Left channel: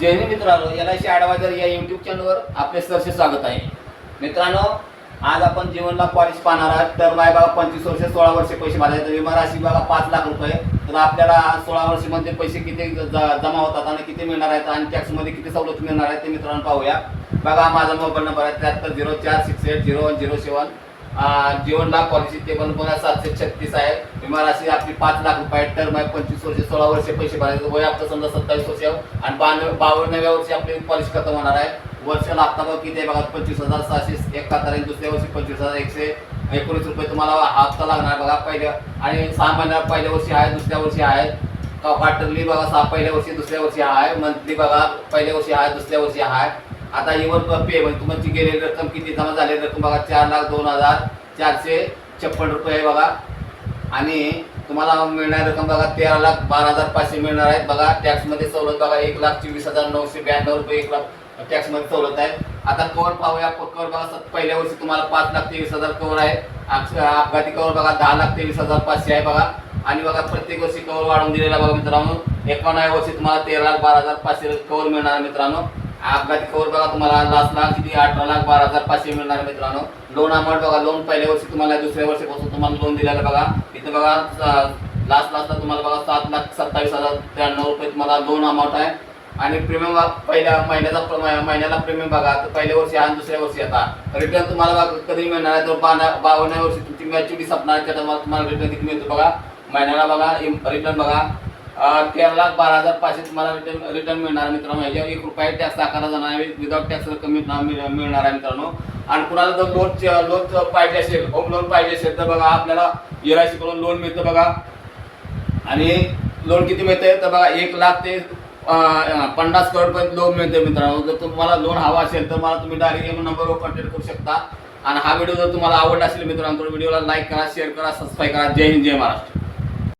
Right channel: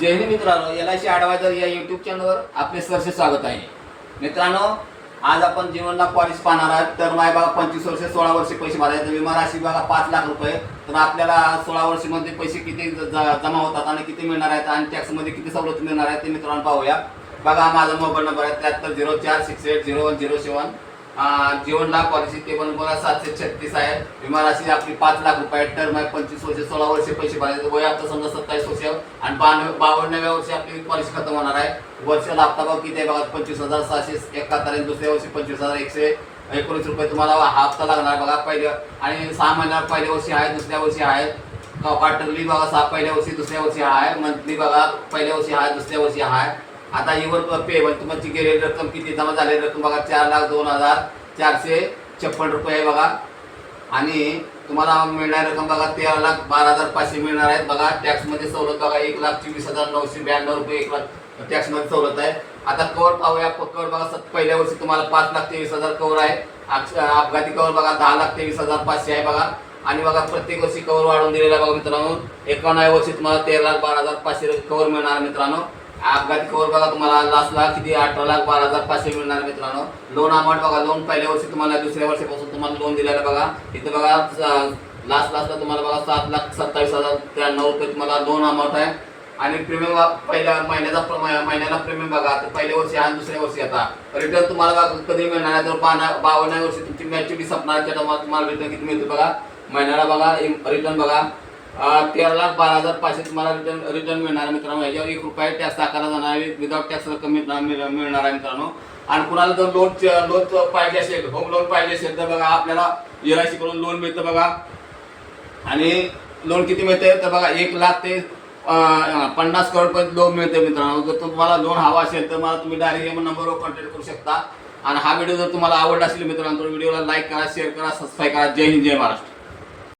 जय हिंद मित्रांनो, LIC adviser या YouTube चॅनलवर आपले सहर्ष स्वागत आहे. मित्रांनो, आज आपण जीवन लाभ पॉलिसी पाहणार आहोत. तर माय बघा 25 वर्षे 16 वर्षे पैसे भरायचे. विमा राशी बघा 5 लाख रुपये. तर आपल्याला 16 वर्षामध्ये पैसे किती जमा होतात आणि किती मिळणार आहेत आणि टॅक्समध्ये किती सवलत मिळणार आहे ते मित्रांनो पाहूया. बघा, माझा मोबाईल नंबर आहे 7304680107. जीवन लाभ पॉलिसी टेबल बघा 736 आहे. विमा राशी आपली 5 लाख रुपये. टर्म आहे 25 वर्षे 16 वर्षे पैसे भरायचे. वय आपलं समजा 27 वर्ष आणि 52व्या वर्षी आपली पॉलिसी खतम होणार आहे. वर्षाला हप्ता बघा किती आहे बघा 25,671. दुसऱ्या वर्षी 25,119 रुपये तुम्हाला हप्ता लागणार बघा. पहिल्या आणि 6 महिन्याला पहिल्या वर्षी आहे, दुसऱ्या वर्षी आहे. क्वार्टरली बघा 6 पहिल्या वर्षी, दुसऱ्या वर्षी आहे. मंथली बघा पहिल्या वर्षी आहे, दुसऱ्या वर्षी आहे. आता इवर पे तुमची गेलेली रक्कम किती जमा झालेली रक्कम बघा 4,02,456 रुपये आहे बघा. आणि तुम्हाला मिळणारी रक्कम बघा 13,12,500 मिळणार आहेत बघा. टॅक्समध्ये सवलत बघा 1,24,992 रुपये 1 लाख टॅक्समध्ये सवलत आहे. आता कवर पाहूया. कवर बघा पहिल्या वर्षी तुम्हाला 5,23,000 कवर आहे. अपघाती कवर बघा 10,23,500 आहे बघा. आणि बघा प्रत्येक वर्षी कवर वाढवून दिलेला बघा मित्रांनो. 51व्या वर्षी तुम्हाला 13,12,500 कवर मिळणार मित्रांनो. अपघाती कवर बघा तुम्हाला लास्टला किती 18,12,500 मिळणार मित्रांनो. लोन अमाऊंट बघा, लोन पहिल्या वर्षी तुम्हाला दुसऱ्या वर्षापासून तुम्हाला लोन दिलेलं बघा. इथं बघा लास्टला तुम्हाला बघा 7,27,093 रुपये तुम्हाला लोन अमाऊंट आहे. आणि प्रीमियम पहिल्या महिन्याला प्रीमियम बघा पहिल्या वर्षी आणि दुसऱ्या वर्षी आता रिटर्न तुम्हाला बघा कधी मिळणार आहे. तर 52व्या वर्षी तुमची मॅच्युरिटी संपणार आहे, त्यामुळे तुम्हाला रिटर्न किती मिळतो बघा. महिन्याला बघा रिटर्न बघा 13,12,500 तुम्हाला रिटर्न मिळणार मित्रांनो. याच्यावर 1 रुपया टॅक्स आकारला जाणार आहे. विदाउट टॅक्स रक्कम मिळणार आहे मित्रांनो. आणि कुणाला जर लोन पाहिजे असेल, होम लोन पाहिजे असेल तर बघा आपल्याला LIC कडून लोन मिळतं बघा. आणि लोन किती मिळते तर बघा 1 लाख ते 50 करोडपर्यंत लोन मिळते मित्रांनो. जर तुम्हाला लोन हवा असेल तर मला तुम्ही डायरेक्ट नंबरवर कॉन्टॅक्ट करू शकता. आणि हा व्हिडिओ जर तुम्हाला आवडला असेल मित्रांनो तर व्हिडिओला लाईक करा, शेअर करा, सबस्क्राईब करा. जय हिंद, जय महाराष्ट्र.